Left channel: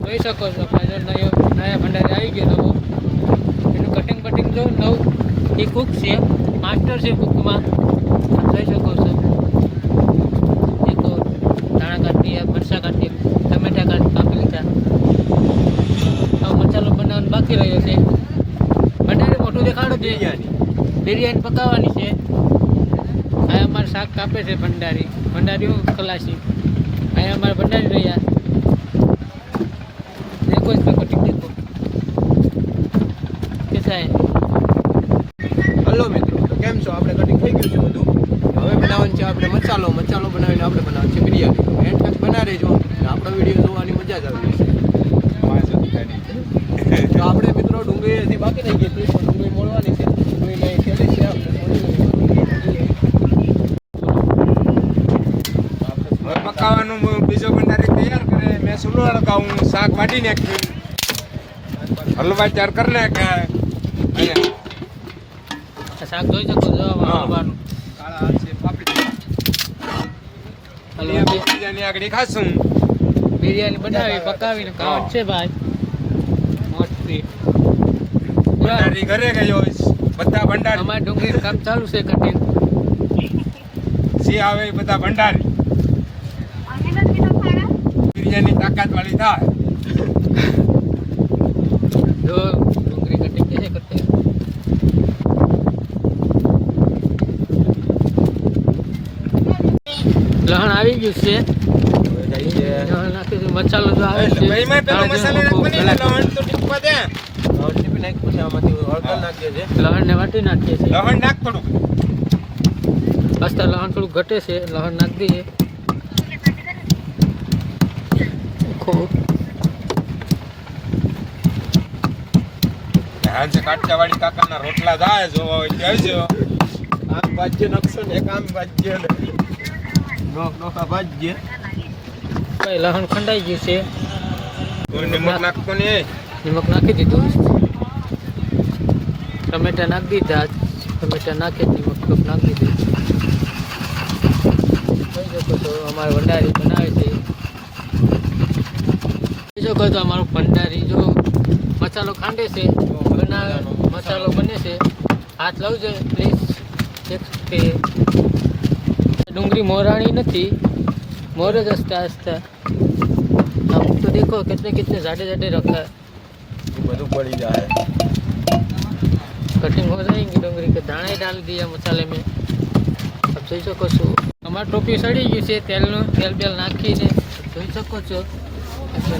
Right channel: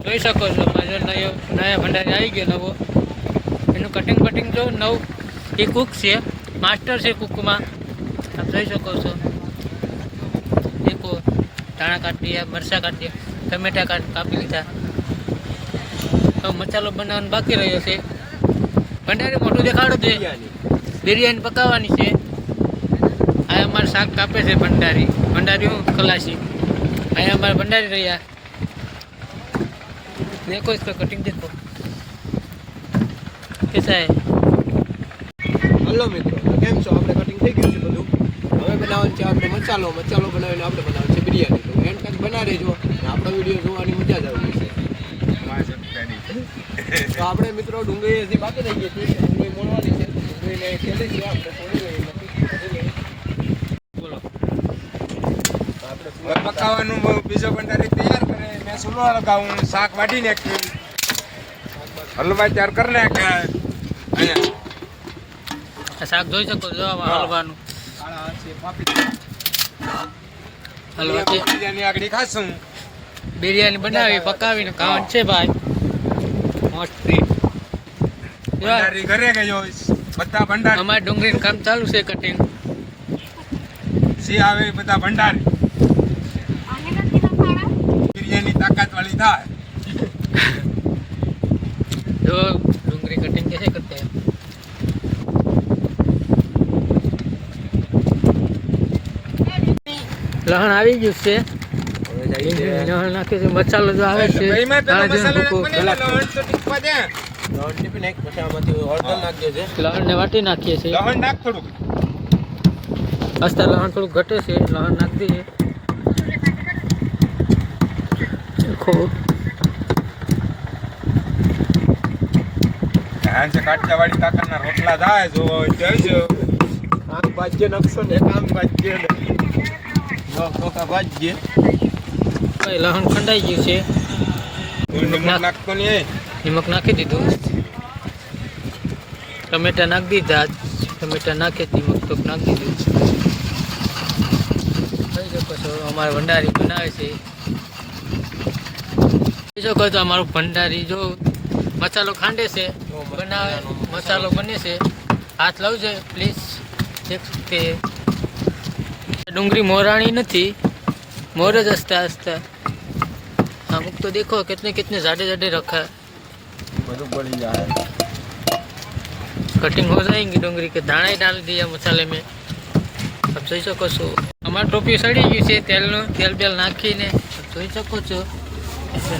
જોઈ શકો છો જો નયા ભંડારી આવી ગયો નવો. એનું કટિંગ બટિંગ જો નવું. એ કુક છે, માસ્ટર છે કુકમાં. આપ જોઈ શકો છો. દેખો ધાણા કાઢી દીધા, મરચાં કાઢી દીધા, ટમેટા કાપી લીધા. હવે મસાલો બનાવવાનો બાકી રહ્યો છે. ભંડારી મોટું દેખાડો દે. બિરયાની પકાવવાની છે. આ અમારે શાક કાપે છે ભંડારી. ભંડારી હું ખલાસી. અહીંયા અમારે ભંડારી રહ્યા. देखो इसका कटिंग देखो कैसा है. હલો મિત્રો, કેમ છો? આપણે કટિંગ થઈ ગયું છે બધું. હવે બનાવવાનું છે આપણે મસાલો બનાવીને આપણે બનાવવાનું છે બિરયાની. એન્ડ તક બના રહેજો અને આપણો વિડીયો જોવાની મજા જ આવી જશે. તો આપણે મિત્રો ડુંગળી હજી બાકી રહી ગઈ છે. ડુંગળી મોળવાની છે. ડુંગળીને ખેલી છે આપણે મોળી લઈએ. પકાવવાનું બીજો ભંડારી તૈયાર કરે. મેં સુલો લગાવું, શાક વાટી નાખ્યું, હલવા તૈયાર કરી નાખે. અહીંયા શાક જોઈ શકો છો હલવાનું. હલવા છે. બિરયાની આગળ ખાશું. બિરયાની બનાવી પકાવીને ખાવાનું છે ભાઈ. મસ્તી ભંડારી ઘરે ગયો બધા ભંડારી. અમારે ડુંગળીનું કામ ચાલુ છે કટિંગ. સી આવે બધા ભંડારી. બિરયાની તાકાત વાળી થાય. જો ડુંગળી કટિંગ कैसे करते हैं. લહણ આવી ગયું છે. લહણ નાખ્યું છે. મસાલો જો આવે છે લહણ ને વાટી નાખીએ છીએ. લવણ નાખ થોડુંક. આસ્તા લહણ થોડું ઘટે છે. લહણ નાખી દઈએ. હાંસે કાઠિયાવાડી કાકાના રોટલા થાય જો કહેજો. આમ ભાજ્ય નકશો ને એક આમ ભાજ્ય નો ટોકા ભાજ્ય. ભાઈ લહણ ખંડાઈ ગયું છે. નમક નાખતો નહીં. નમક નાખી દીધું. ટમેટા નાખી દીધા. ટમેટા નાખી નમક તો નાખી દીધું. જોઈ શકો છો અમારે ભંડારી બનાવે છે. જોઈ શકો છો અમારું ભંડારી જો મસાલો ખાંડે છે બનાવે. મસાલો બને છે. હાથ લાવજો પ્લીઝ. દેખ सकते हैं डूंगरी मोरानी नहीं मोर જ हंसता हंसता. हम तो देखो कितने कितने ज़्यादा ज़्यादा रखा है. બધું પડી જાય. कटिंग हो जाएंगी डूंगरी के. दाना ही डाल दिया मसाले में. आप જોઈ શકો છો અમારી ટોપી સડી ગયું છે. તેલ બેલ નાખીને જોઈ શકો છો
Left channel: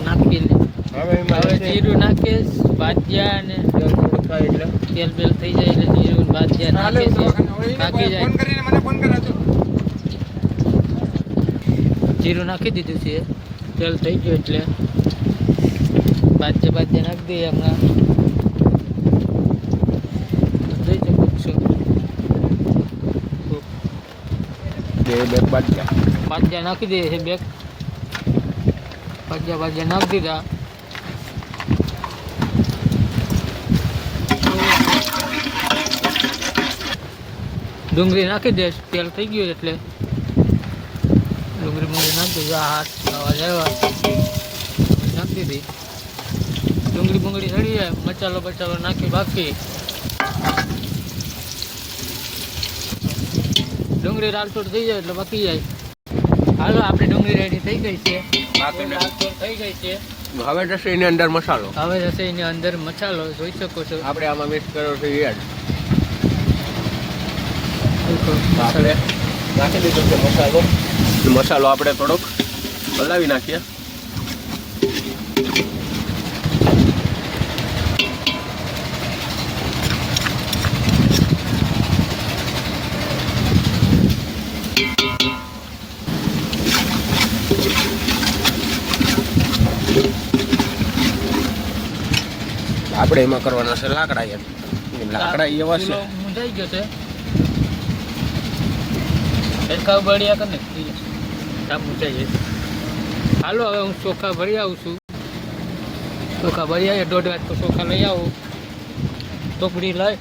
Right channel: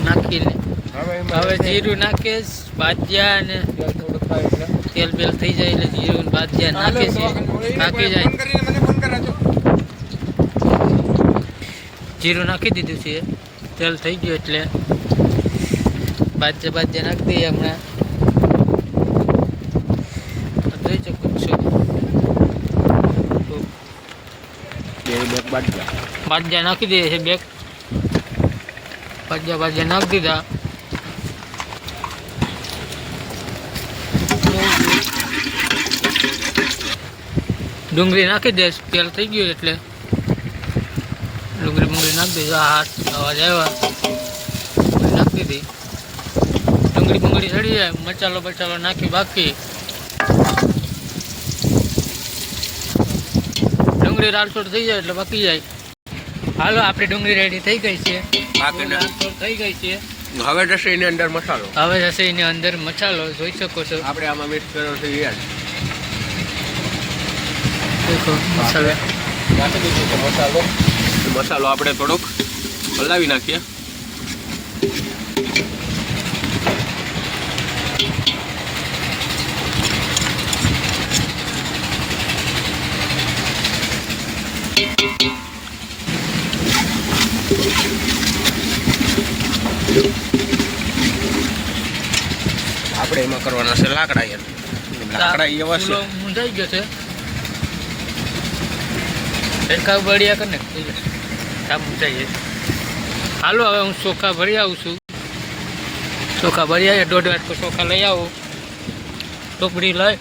નાખીને. હવે જીરું નાખે બાજિયા ને તેલ બેલ થઈ જાય એટલે જીરું બાજિયા નાખે છે. પાકી જાય. જીરું નાખી દીધું છે. તેલ થઈ ગયું એટલે બાજિયા નાખી દઈએ હમણાં. જોઈ શકો છો બાજિયા નાખી દઈએ છે. બેગ બાજિયા નાખી દીધા. ડુંગળી નાખી દે. તેલ થઈ ગયું એટલે ડુંગળી નાખી દેજો. હાથ અવાજ આવ્યા નાખી દીધી. ડુંગળી સડી જાય. મસાલો નાખી બાકી. ડુંગળી રાલચોટ થઈ જાય એટલે બાકી જાય. હાલો આપણે ડુંગળી રેડી થઈ ગઈ છે. થઈ ગઈ છે. હવે જશે એની અંદર મસાલો. હવે જશે એની અંદર મસાલો. જોઈ શકો છો આપણે આમાં મિક્સ કર્યો છે યાર. દેખો મસાલો નાખી દીધો છે મસાલો આપણે થોડોક હલાવી નાખીએ. આપણે એમાં કરવાના છે લાકડા. યાર લાકડા એવા છે મુંજાઈ ગયો છે. સરખા બળિયા કરીને કામ મુંજાઈ. હાલો હવે હું ચોખા ભરી આવું છું. ચોખા ભરી આવીએ. 1.5 વાટકો ચોખા લઈ આવું. ટોપડી લઈ.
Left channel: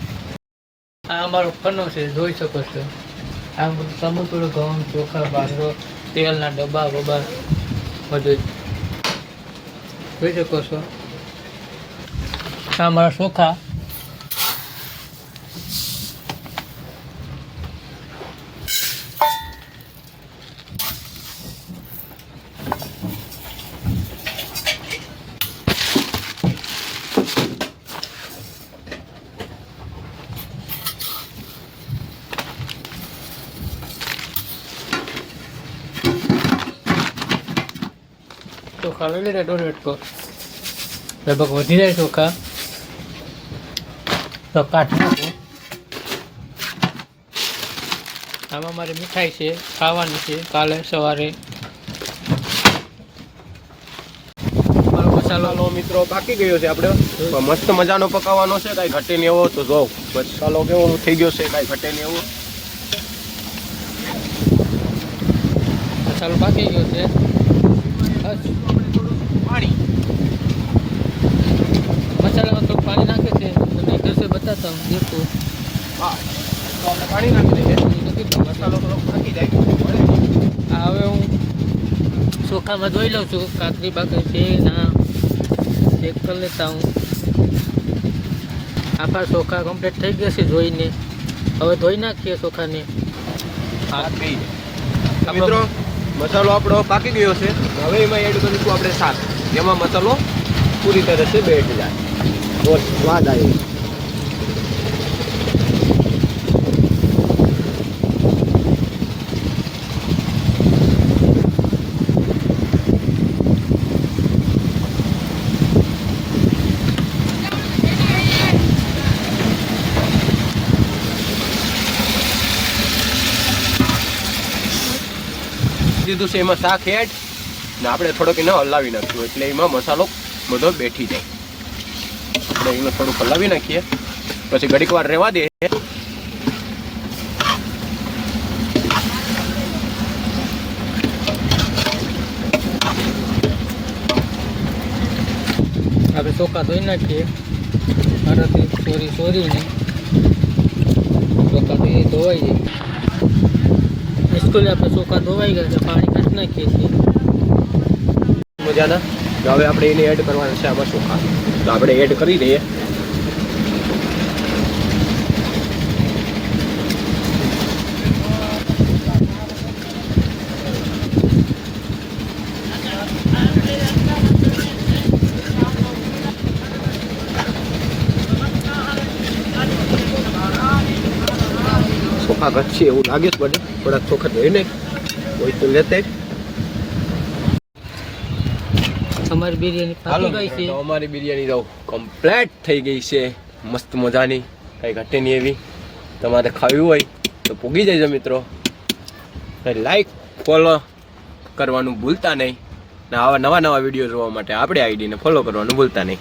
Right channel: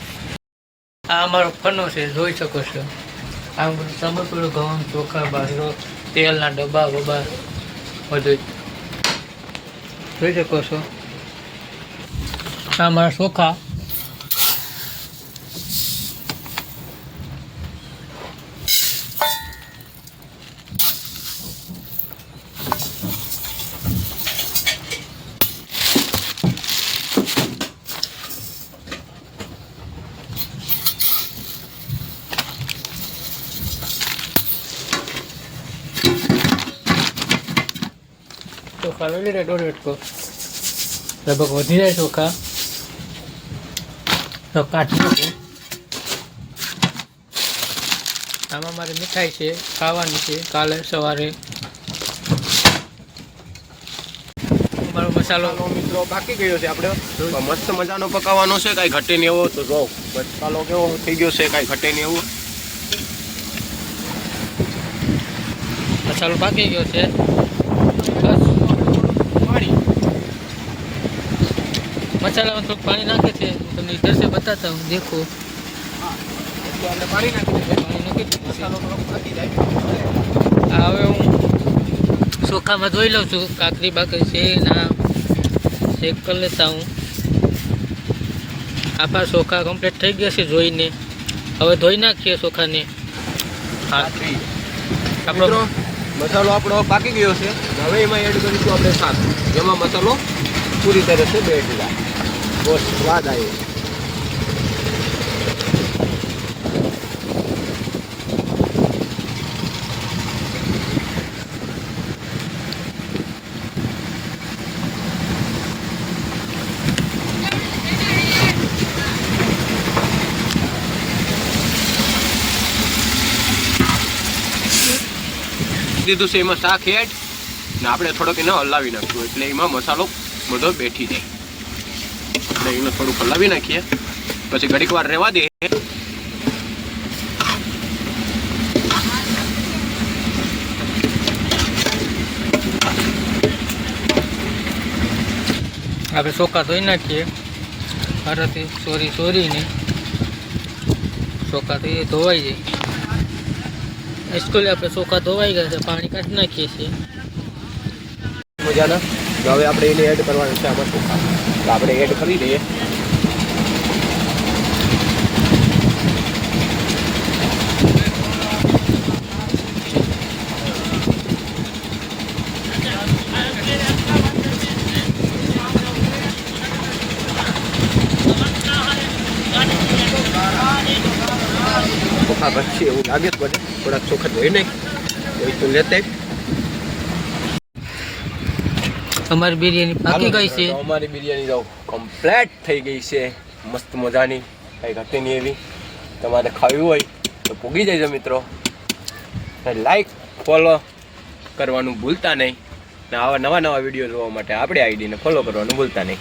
આ અમારો ફનો છે. જોઈ શકો છો. આમ બધું સમર્પણ ઘઉં ચોખા બાજરો તેલના ડબ્બા બબા બધું જોઈ શકો છો આ મારા ચોખા. ચોખા લઈ લઈને દોઢ વેટકો લગભગ વધી જાય ચોખા તો કાઢી નાખું. આમાં મારી મીઠાઈ છે, ખાવાની છે કાલે સવારે. મારો મસાલો ચાલો મિત્રો પાકી ગયો છે આપણે મસ્ત મજાનો પકાવવાનો છે, કાંઈ ઘટે નહીં એવો. તો જો મસાલો કેવો થઈ ગયો છે, કાંઈ ઘટે નહીં એવું. મસાલો પાકી ગયો છે. બસ પાણી મસાલામાં થોડુંક પાણી નાખે છે, તમને ઇધર से बताता हूँ. देखो હા તો આપણે પાણી નાખી દઈએ. પાણી નાખી દીધું. મસાલો થોડોક પાકી જાય. આ હવે હું ચોખામાં ધોઈ લઉં છું. કાકરી બાકરી છે ના ચેક કરી લેતા હું. આપણા ચોખા કમ્પ્લીટ થઈ ગયા છે જોઈને. હવે ધોઈ નાખીએ ચોખાને. હા આપણો મસાલો આપણો પાકી ગયો છે. હવે એમાં એડ કરીશું આપણે શાક, જેમાં મસાલો પૂરી તરહ છે બેઠ જાય, બહુ સ્વાદ આવે. દીધું છે એમાં શાક એડ ને આપણે થોડોક એને હલાવી નાખ્યું એટલે એમાં મસાલો બધો બેઠી જાય. આપણે એને થોડુંક હલાવી નાખીએ પછી ઘડીક વાર રહેવા દે. આપણે ચોખા ધોઈ નાખીએ. મારાથી સોરીને ચોખા તો એ ધોવાઈ જાય. સ્કૂલે આપણે ચોખા ધોવાઈ ગયા છે, પાણી કાઢી નાખીએ છીએ. મજાના તો હવે આપણે એને એડ કરવાના છે આમાં ચોખા. તો આપણે એડ કરી દઈએ. ચોખા ઘટશે એવું લાગે જ પડે. થોડાક ચોખા ધોઈ નાખ કોઈ તો લેતે. અમારી બિરયાની પાકી ગઈ છે. તો અમારી બિરયાની તો કમ્પ્લીટ થઈ ગઈ છે, મસ્ત મજાની, કંઈ ઘટે નહીં એવી. તમારે ખાવી હોય તો પૂગી જજો મિત્રો. લાઈક ફોલો કરવાનું ભૂલતા નહીં ને આવા નવા વિડીયો જોવા માટે આપણે આઈડીને ફોલો કરવાનું ભૂલતા નહીં.